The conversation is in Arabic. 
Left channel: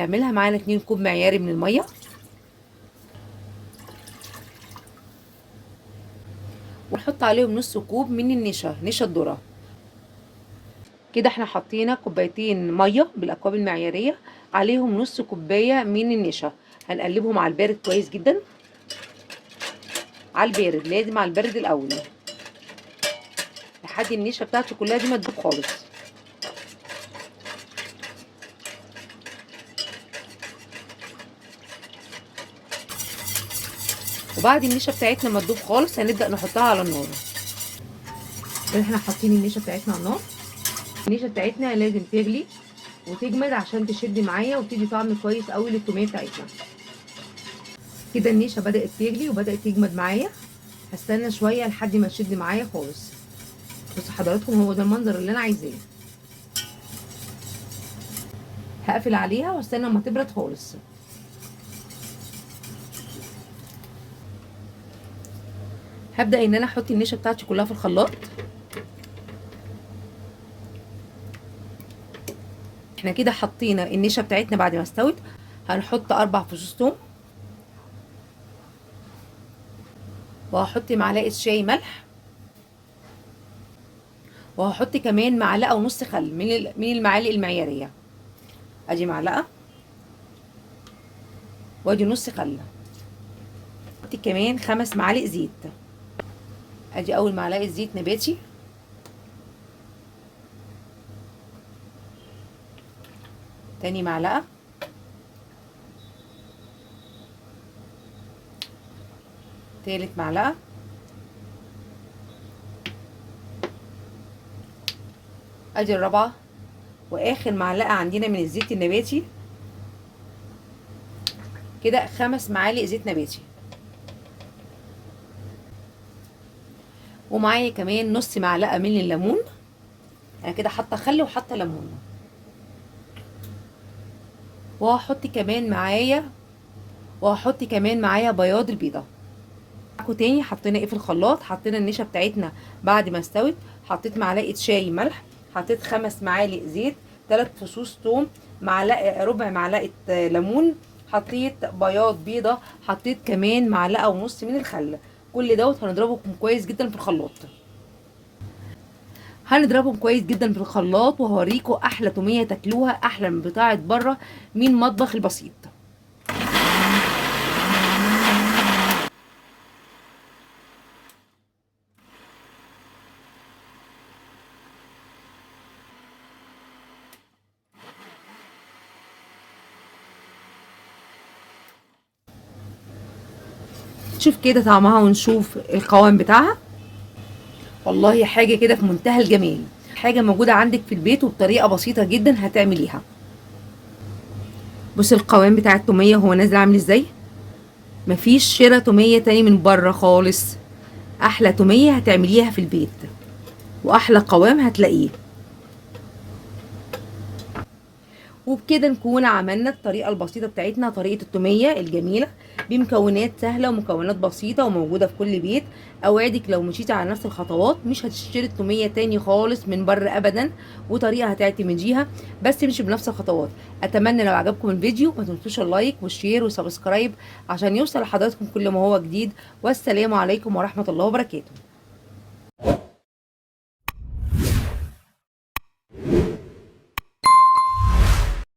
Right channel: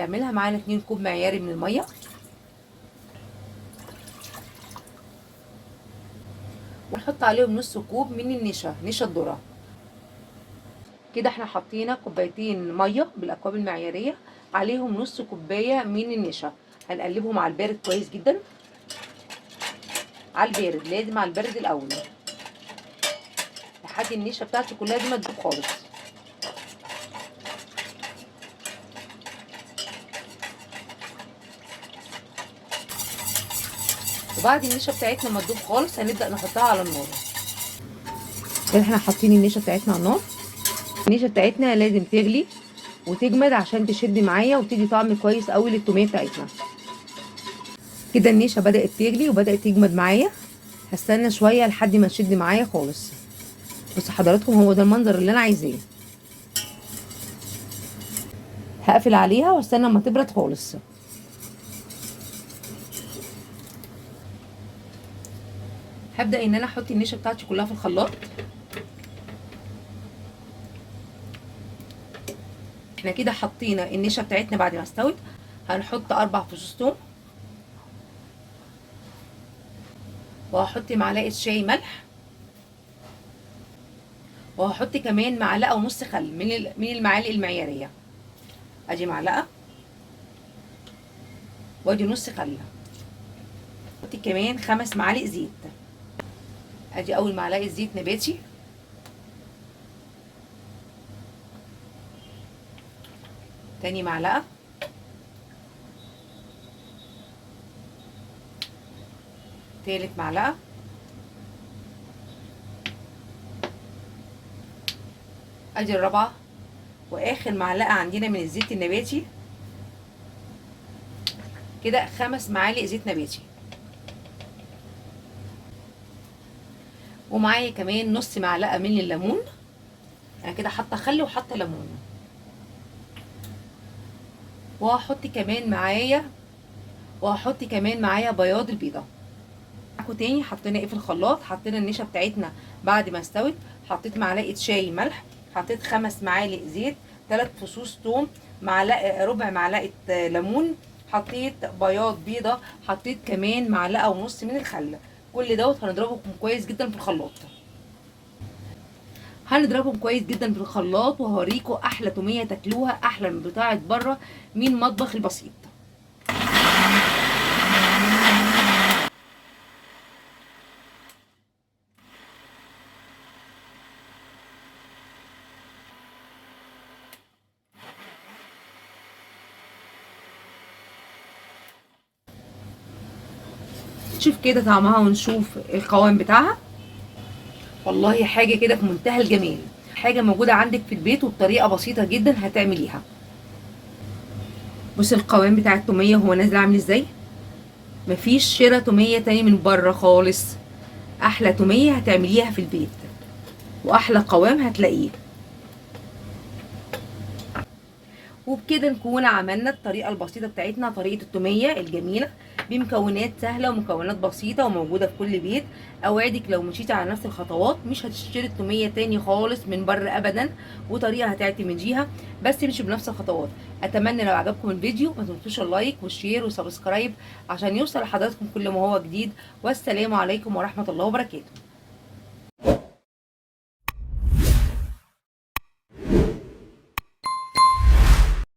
هنعملها. معانا 2 كوب معياري من الميه، ونحط عليهم نص كوب من النشا، نشا الذره. كده احنا حطينا كوبايتين ميه بالاكواب المعياريه، عليهم نص كوبايه من النشا. هنقلبهم على البارد كويس جدا، على البارد، لازم على البارد الاول لحد النشا بتاعته كلها دي ما تدوب خالص. وبعد النشا بتاعتنا ما تدوب خالص هنبدا نحطها على النار. كده احنا حاطين النشا بتاعتنا على النار. النشا بتاعتنا لازم تغلي وتجمد عشان تشد معايا وتدي طعم كويس قوي للتوميه بتاعتنا. كده النشا بدات تغلي وبدات تجمد معايا. هستنى شويه لحد ما تشد معايا خالص. بصوا حضراتكم، هو ده المنظر اللي انا عايزاه. هقفل عليها واستنى اما تبرد خالص. هبدا ان انا احط النشا بتاعتي كلها في الخلاط. احنا كده حطينا النشا بتاعتنا بعد ما استوت. هنحط 4 فصوص توم، وهحط معلقه شاي ملح، وهحط كمان معلقه ونص خل من المعالق المعياريه. ادي معلقه وادي نص خل. هحط كمان 5 معالق زيت. ادي اول معلقه زيت نباتي، تاني معلقه، تالت معلقه، ادي الرابعه، واخر معلقه عندنا من الزيت النباتي. كده 5 معالق زيت نباتي. ومعايا كمان نص معلقه من الليمون. انا كده حاطه خل وحاطه ليمون. وهحط كمان معايا بياض البيضه. معاكم تاني حطينا ايه في الخلاط؟ حطينا النشا بتاعتنا بعد ما استوت. حطيت معلقه شاي ملح، حطيت 5 معالق زيت، 3 فصوص توم، ربع معلقه ليمون، حطيت بياض بيضه، حطيت كمان معلقه ونص من الخل. كل دوت هنضربهم كويس جدا في الخلاط. في الخلاط وهوريكم احلى توميه تاكلوها، احلى من بتاعه بره من مطبخ البسيط. شوف كده طعمها ونشوف القوام بتاعها. والله حاجه كده في منتهى الجمال، حاجه موجوده عندك في البيت وبطريقه بسيطه جدا هتعمليها. بص القوام بتاع التوميه هو نازل عامل ازاي. مفيش شرا توميه تاني من بره خالص. احلى توميه هتعمليها في البيت واحلى قوام هتلاقيه. وبكده نكون عملنا الطريقه البسيطه بتاعتنا، طريقه التوميه الجميله بمكونات سهله ومكونات بسيطه وموجوده في كل بيت. اوعدك لو مشيتي على نفس الخطوات مش هتشتري التوميه تاني خالص من بره ابدا، وطريقه هتعتمديها بس امشي بنفس الخطوات. اتمنى لو عجبكم الفيديو ما تنسوش اللايك والشير والسبسكرايب عشان يوصل لحضراتكم كل ما هو جديد. والسلام عليكم ورحمه الله وبركاته.